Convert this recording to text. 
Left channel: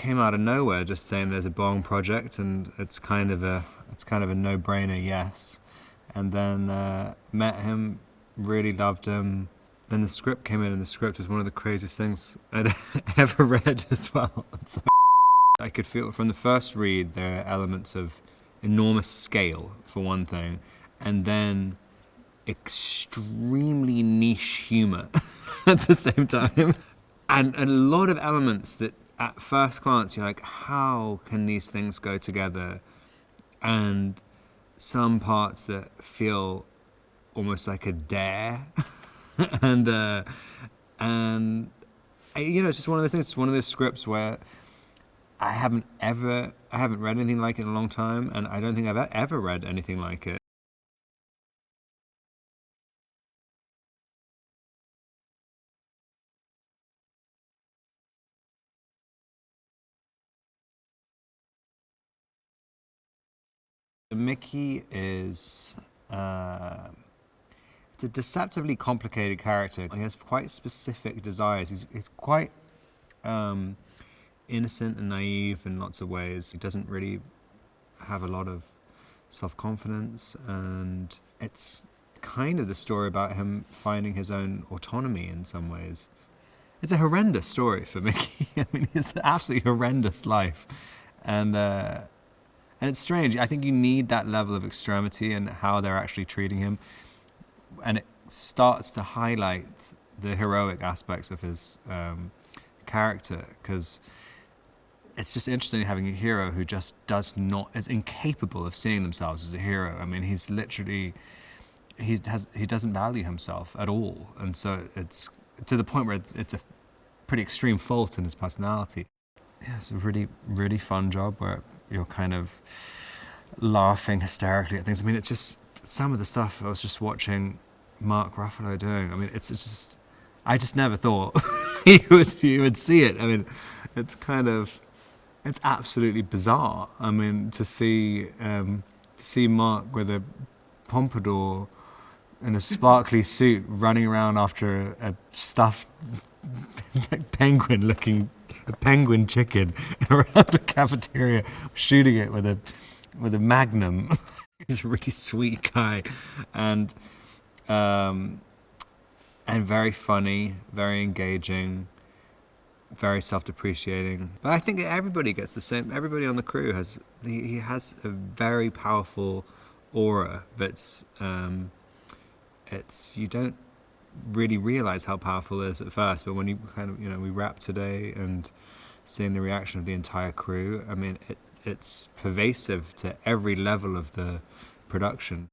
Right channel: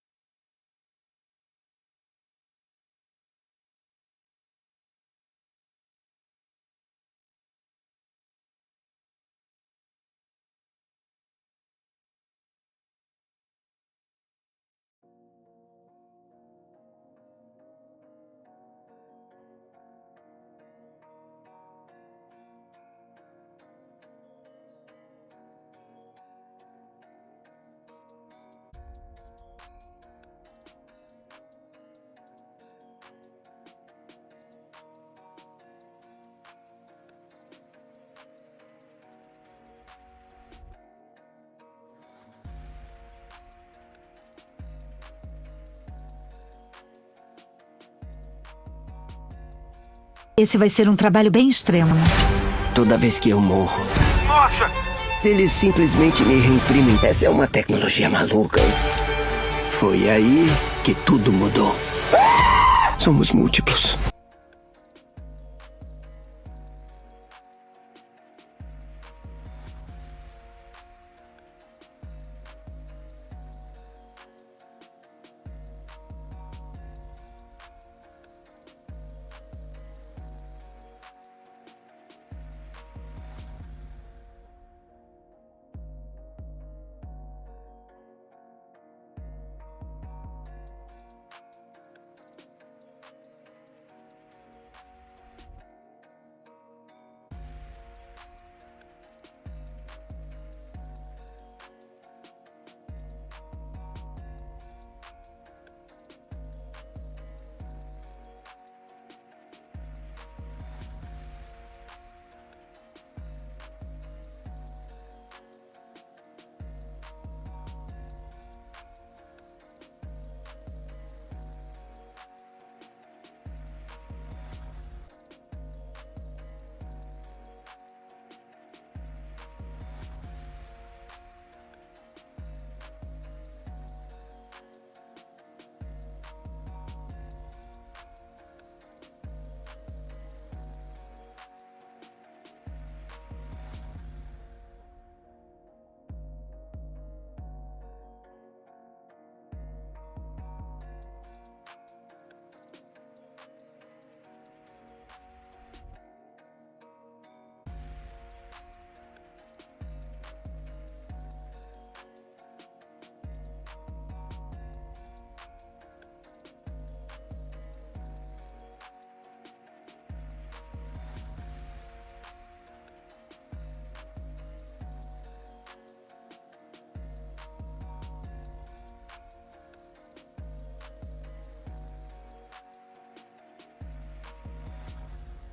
came out of nowhere, just saying there's a Bong project and it's kind of a no-brainer, yes. And then met him, really loved him. Then the script came in, and the script was one of the craziest things I'd ever read as well. So I could feel from the first read there are elements of enormous scale, for one thing, and then extremely niche humor at the same time. And a lot of elements that at first glance you're like, how can these things go together? And some parts that feel almost like a dare. and you know, it's just one of those things. It's one of those scripts where I haven't read anything like it in a long time, and I don't think I've ever read anything like it. Esse vai ser trabalho bem extremo. Toda vez que eu morro, Nossa! eles simplesmente me reimprimem. Essa é uma tecnologia maluca. Foi aí que tudo mudou. Somos múltiplos. Mickey is it's a deceptively complicated character. He has quite specific desires. He's quite innocent and naive in lots of ways. He doesn't really have a lot of self-confidence, and it's kind of the story about him finding his own autonomy in some ways. It's a horrendous story for Mickey. I mean, it's an absolutely horrendous life. And it's strange. I think you need that level of extremity and how they're actually treating him. And it starts to highlight the heroic aspects of his character, because it's just interesting having a hero who just is incapable of seeing themselves as a hero. I mean, he's literally, he doesn't value himself at all. And so it's to the point where it's a pretty extreme fault in his personality. Yeah, it's a really, really fun job where you're kind of laughing hysterically at things. I mean, it's just some of the stuff I was just watching Mark Ruffalo doing. I mean, it's just, I just never thought you would see it. I mean, it's absolutely bizarre. I mean, to see Mark with a pompadour in a sparkly suit running around after a stuffed penguin chicken around a cafeteria, shooting it with a magnum. He's a really sweet guy, and very funny, very engaging, very self-depreciating. But I think everybody gets the same. Everybody on the crew he has a very powerful aura that's you don't really realize how powerful it is at first, but when you kind of, you know, we wrap today and seeing the reaction of the entire crew, I mean, it's pervasive to every level of the production.